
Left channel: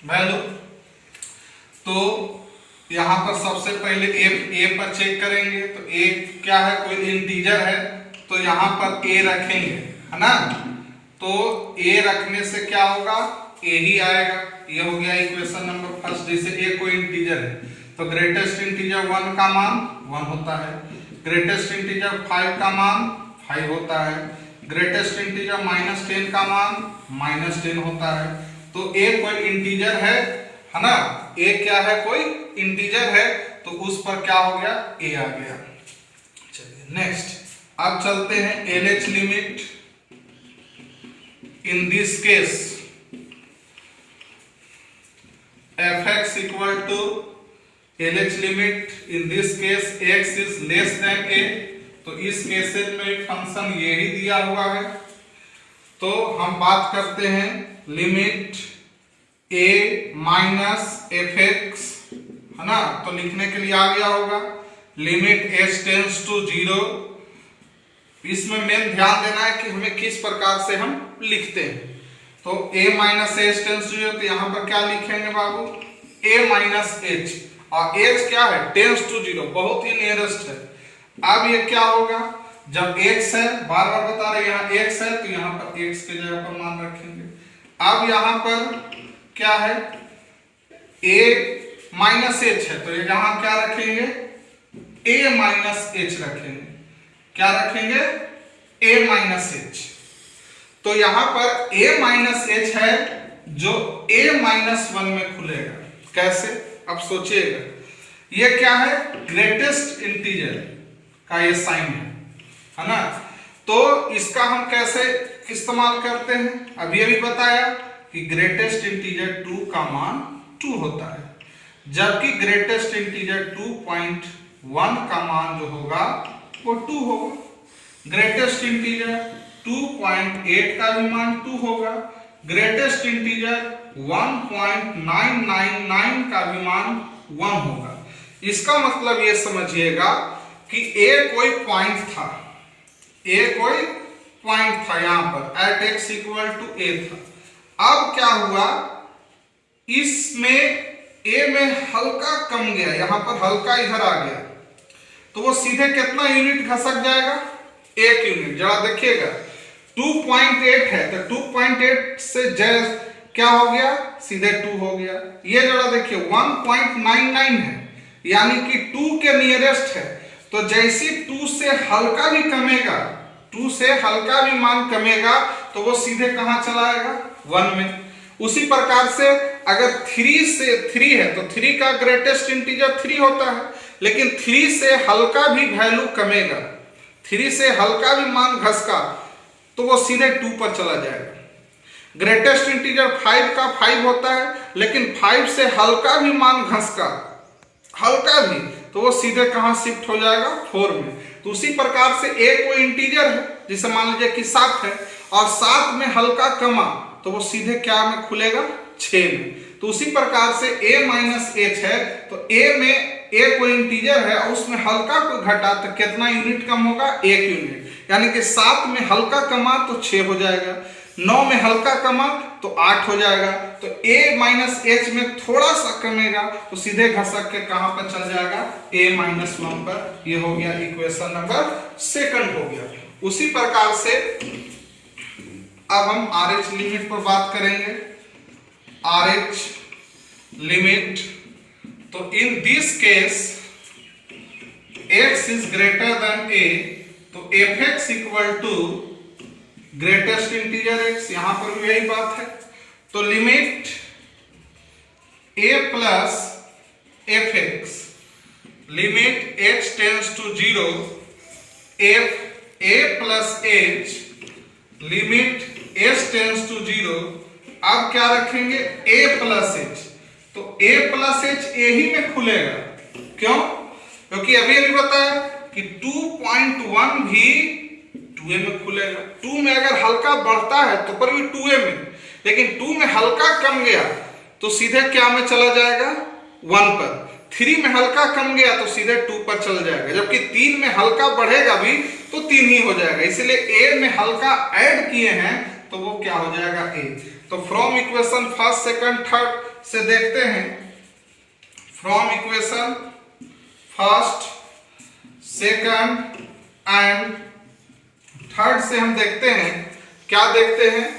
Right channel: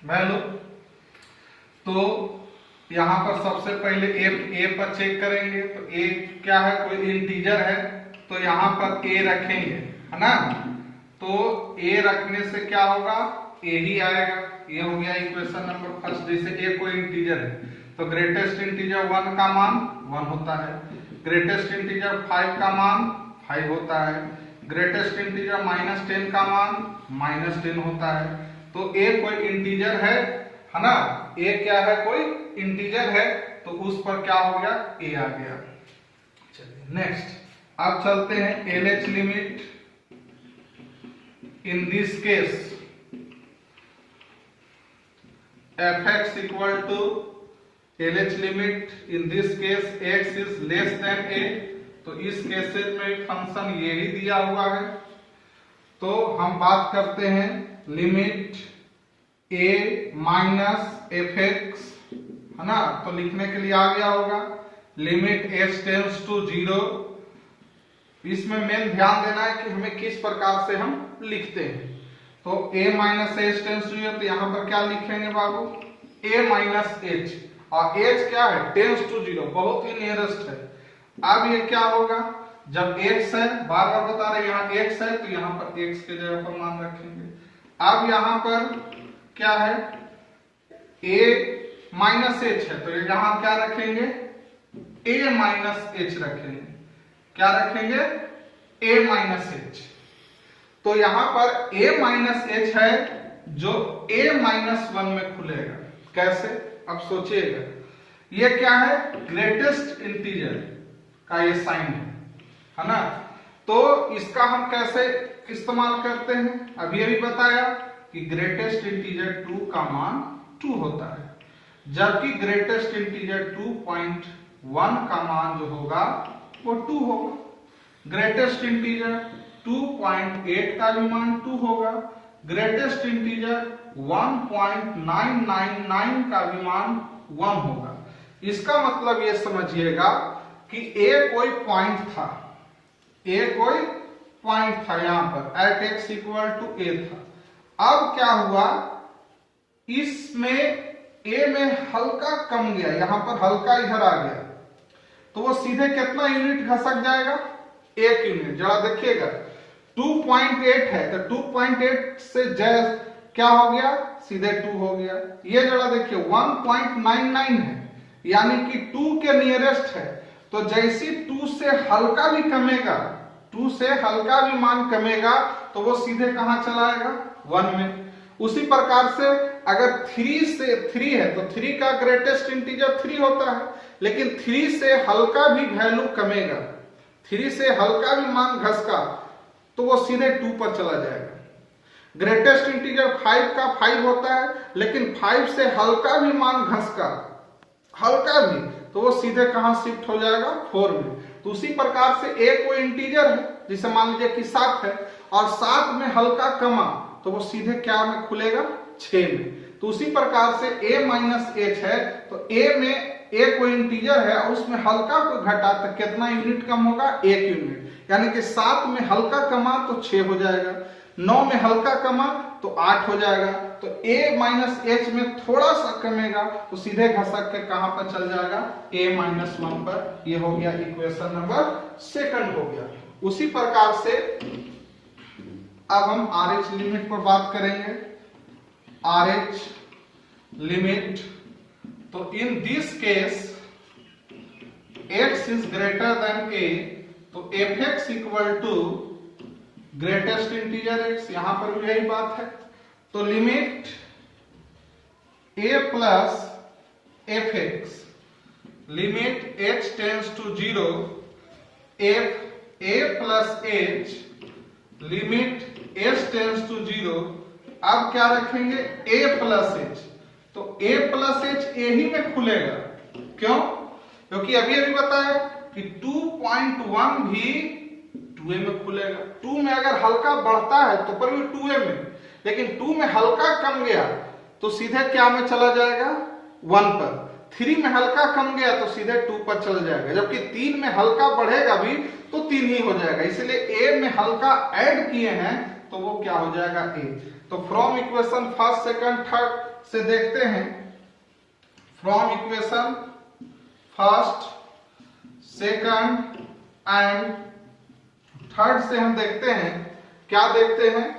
वैल्यू। तो यहाँ पर सबसे पहले a पर चेक करेंगे। तो a क्या है? कोई इंटीजर है तो यहाँ पर a रखेंगे, है ना। तो a रखने से क्या होगा? a ही आएगा। ये हो गया इक्वेशन नंबर फर्स्ट, जैसे a कोई इंटीजर है। तो तो ग्रेटेस्ट इंटीजर 1 का मान 1 होता है, ग्रेटेस्ट इंटीजर 5 का मान 5 होता है, ग्रेटेस्ट इंटीजर -10 का मान -10 होता है। तो a कोई इंटीजर है ना, a क्या है, कोई इंटीजर है, तो उस पर क्या हो गया, a आ गया। चलिए नेक्स्ट, अब चलते हैं LH limit. In this case fx equal to LH limit, in this case x is less than a, तो इस केसेस में फंक्शन यही दिया हुआ है। तो हम बात करते हैं लिमिट a माइनस fx, है ना, तो लिखने के लिए आ गया होगा लिमिट h टेंड्स टू 0। इसमें मेन ध्यान देना है कि हमें किस प्रकार से हम लिखते हैं। तो a minus h tends to 0, तो यहां पर क्या लिखेंगे बाबू, a माइनस h, और h क्या है, टेंड्स टू 0, बहुत ही नियरेस्ट है। अब ये क्या होगा, जब x है, बार बार बता रहे यहाँ x है, तो यहाँ पर x के जगह पर मान रखेंगे। अब यहाँ पर क्या है, a माइनस h है, तो यहाँ क्या रखेंगे, a माइनस h रखेंगे। क्या रखेंगे, a माइनस h। तो यहाँ पर a माइनस h है जो a माइनस 1 में खुलेगा। कैसे, अब सोचिएगा, ये क्या है, ग्रेटेस्ट इंटीजर का ये साइन है ना। तो इसका हम कैसे इस्तेमाल करते हैं, अभी बताया कि ग्रेटेस्ट इंटीजर 2 का मान 2 होता है, जबकि ग्रेटेस्ट इंटीजर 2.1 का मान जो होगा वो 2 होगा। ग्रेटेस्ट इंटीजर 2.8 का भी मान 2 होगा, ग्रेटेस्ट इंटीजर 1.999 का भी मान 1 होगा। इसका मतलब ये समझिएगा कि a कोई पॉइंट था, a कोई पॉइंट था, यहां पर at x equal to a था। अब क्या हुआ, इसमें a में हल्का कम गया, यहां पर हल्का इधर आ गया, तो वो सीधे कितना यूनिट खसक जाएगा, 1 यूनिट। जरा देखिएगा 2.8 है, तो 2.8 से क्या हो गया, सीधे 2 हो गया। ये जरा देखिए 1.99 है, यानी कि 2 के नियरेस्ट है, तो जैसी 2 से हल्का भी कमेगा, 2 से हल्का भी मान कमेगा, तो वो सीधे कहां चला आएगा, 1 में। उसी प्रकार से अगर 3 से 3 है, तो 3 का ग्रेटेस्ट इंटीजर 3 होता है, लेकिन 3 से हल्का भी वैल्यू कमेगा, 3 से हल्का भी मान घसका, तो वो सीधे 2 पर चला जाएगा। ग्रेटेस्ट इंटीजर 5 का 5 होता है, लेकिन 5 से हल्का भी मान घसका, हल्का भी, तो वो सीधे कहां शिफ्ट हो जाएगा, 4 में। तो उसी प्रकार से a कोई इंटीजर है, जिसे मान लीजिए कि 7 है, और 7 में हल्का कमा, तो वो सीधे क्या में खुलेगा, 6 में। तो उसी प्रकार से a माइनस h है, तो a में a कोई इंटीजर है और उसमें हल्का को घटा, तो कितना यूनिट कम होगा, 1 यूनिट। यानी कि 7 में हल्का कमा तो 6 हो जाएगा, 9 में हल्का कमा तो 8 हो जाएगा। तो a माइनस h में थोड़ा सा कमेगा, तो सीधे घसक के कहां पर चल जाएगा, a माइनस 1 पर। ये हो गया इक्वेशन नंबर 2 हो गया। उसी प्रकार से अब हम RH लिमिट पर बात करेंगे। RH लिमिट, तो in this case x is greater than a, तो fx equal to greatest integer x, यहां पर भी यही बात है। तो limit a plus fx, limit h tends to 0, f a plus h, limit h tends to 0। अब क्या रखेंगे, a प्लस h, तो a प्लस h a ही में खुलेगा। क्यों, क्योंकि अभी बताया कि 2.1 भी 2a में खुलेगा। 2 में अगर हल्का बढ़ता है तो पर भी 2a में, लेकिन 2 में हल्का कम गया तो सीधे क्या में चला जाएगा, 1 पर। 3 में हल्का कम गया तो सीधे 2 पर चल जाएगा, जबकि 3 में हल्का बढ़ेगा भी तो 3 ही हो जाएगा। इसलिए a में हल्का ऐड किए हैं तो वो क्या हो जाएगा, a। तो from equation first, second, third से देखते हैं। From equation first, second and third से हम देखते हैं, क्या देखते हैं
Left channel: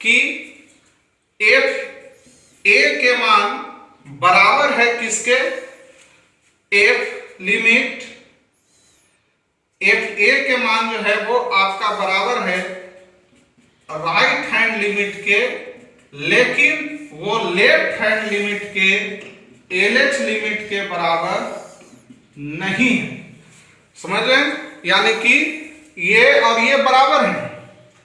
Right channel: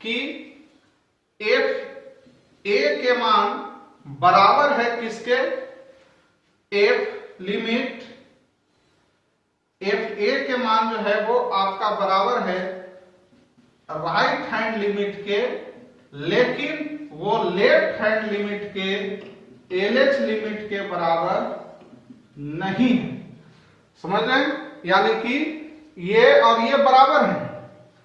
कि f a के मान बराबर है किसके, एफ लिमिट एफ ए के मान जो है वो आपका बराबर है राइट हैंड लिमिट के, लेकिन वो लेफ्ट हैंड लिमिट के एलएच लिमिट के बराबर नहीं है। समझ रहे हैं? यानी कि ये और ये बराबर है,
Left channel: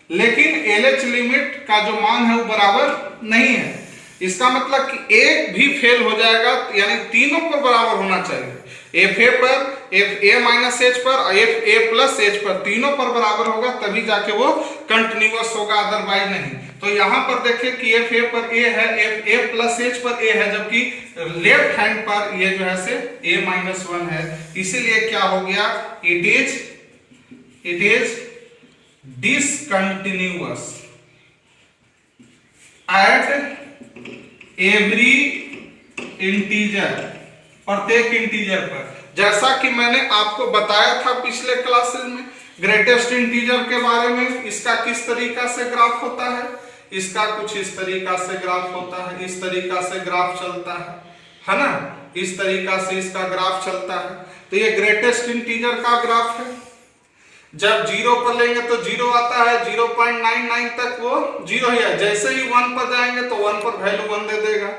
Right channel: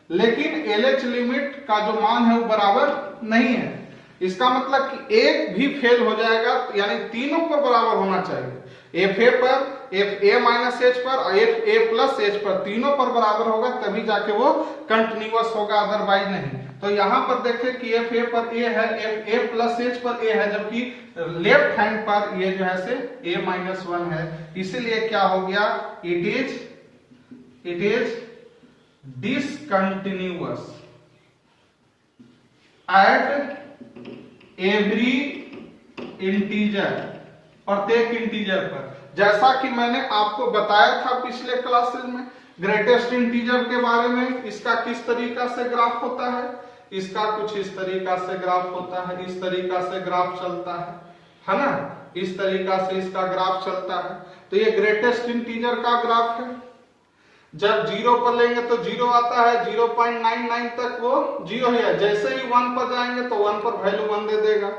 लेकिन एलएच लिमिट का जो मान है वो बराबर नहीं है। इसका मतलब कि एक भी फेल हो जाएगा, यानी तीनों पर बराबर होना चाहिए। एफ ए पर, एफ ए माइनस एच पर और एफ ए प्लस एच पर, तीनों पर बराबर होगा तभी जाके वो कंटिन्यूअस होगा, अदरवाइज नहीं। तो यहां पर देखें कि एफ ए पर ए है, एफ ए प्लस एच पर ए है, जबकि लेफ्ट हैंड पर ये जो है से ए माइनस वन है। इसीलिए क्या हो गया, it is discontinuous at every integer, प्रत्येक इंटीजर पर। जैसा कि मैंने आपको बताया था पिछले क्लासेस में ग्रेटेस्ट इंटीजर के बारे में, इसका किस तरीका से ग्राफ होता है, इसका कुछ इस तरीका से ग्राफ होता है, इस तरीका से ग्राफ चलता है ना, इस तरीका से इसका ग्राफ चलता है। तो ये ग्रेटेस्ट इंटीजर का ग्राफ है। जब 0 पर लेंगे तो 0 आता है, 0.99 तक वो 0 ही है। जैसे ही 1 पर जाएंगे तो 1 पर वैल्यू 1 दे देगा,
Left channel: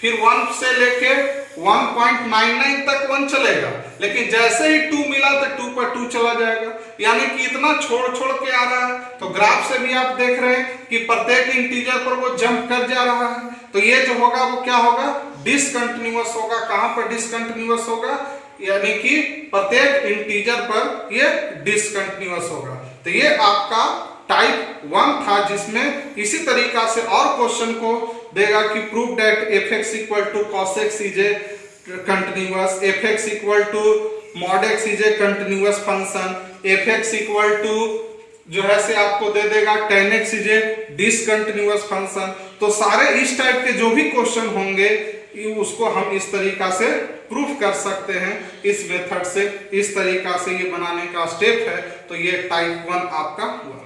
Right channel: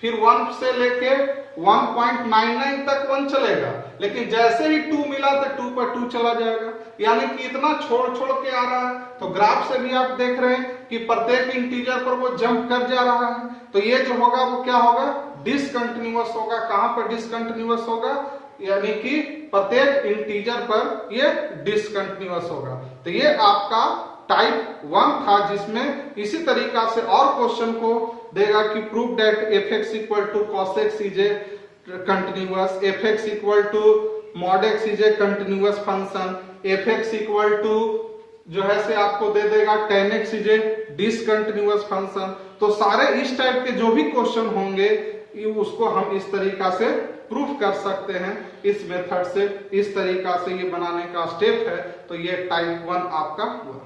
फिर 1 से लेके 1.99 तक 1 चलेगा, लेकिन जैसे ही 2 मिला तो 2 पर 2 चला जाएगा। यानी कि इतना छोड़ छोड़ के आ रहा है। तो ग्राफ से भी आप देख रहे हैं कि प्रत्येक इंटीजर पर वो जंप कर जा रहा है। तो ये जो होगा वो क्या होगा, डिसकंटिन्यूअस होगा। कहां पर डिसकंटिन्यूअस होगा, यानी कि प्रत्येक इंटीजर पर ये डिसकंटिन्यूअस होगा। तो ये आपका टाइप 1 था, जिसमें इसी तरीका से और क्वेश्चन को देगा कि prove that fx equal to cos x is a continuous, fx equal to mod x is a continuous function, fx equal to जो है से आपको दे देगा tan x is a discontinuous function. तो सारे इस टाइप के जो भी क्वेश्चन होंगे उसको हम इस तरीका से प्रूफ कर सकते हैं, इस मेथड से, इस तरीका से ये बनाने का स्टेप है। तो ये टाइप 1 आपका हुआ।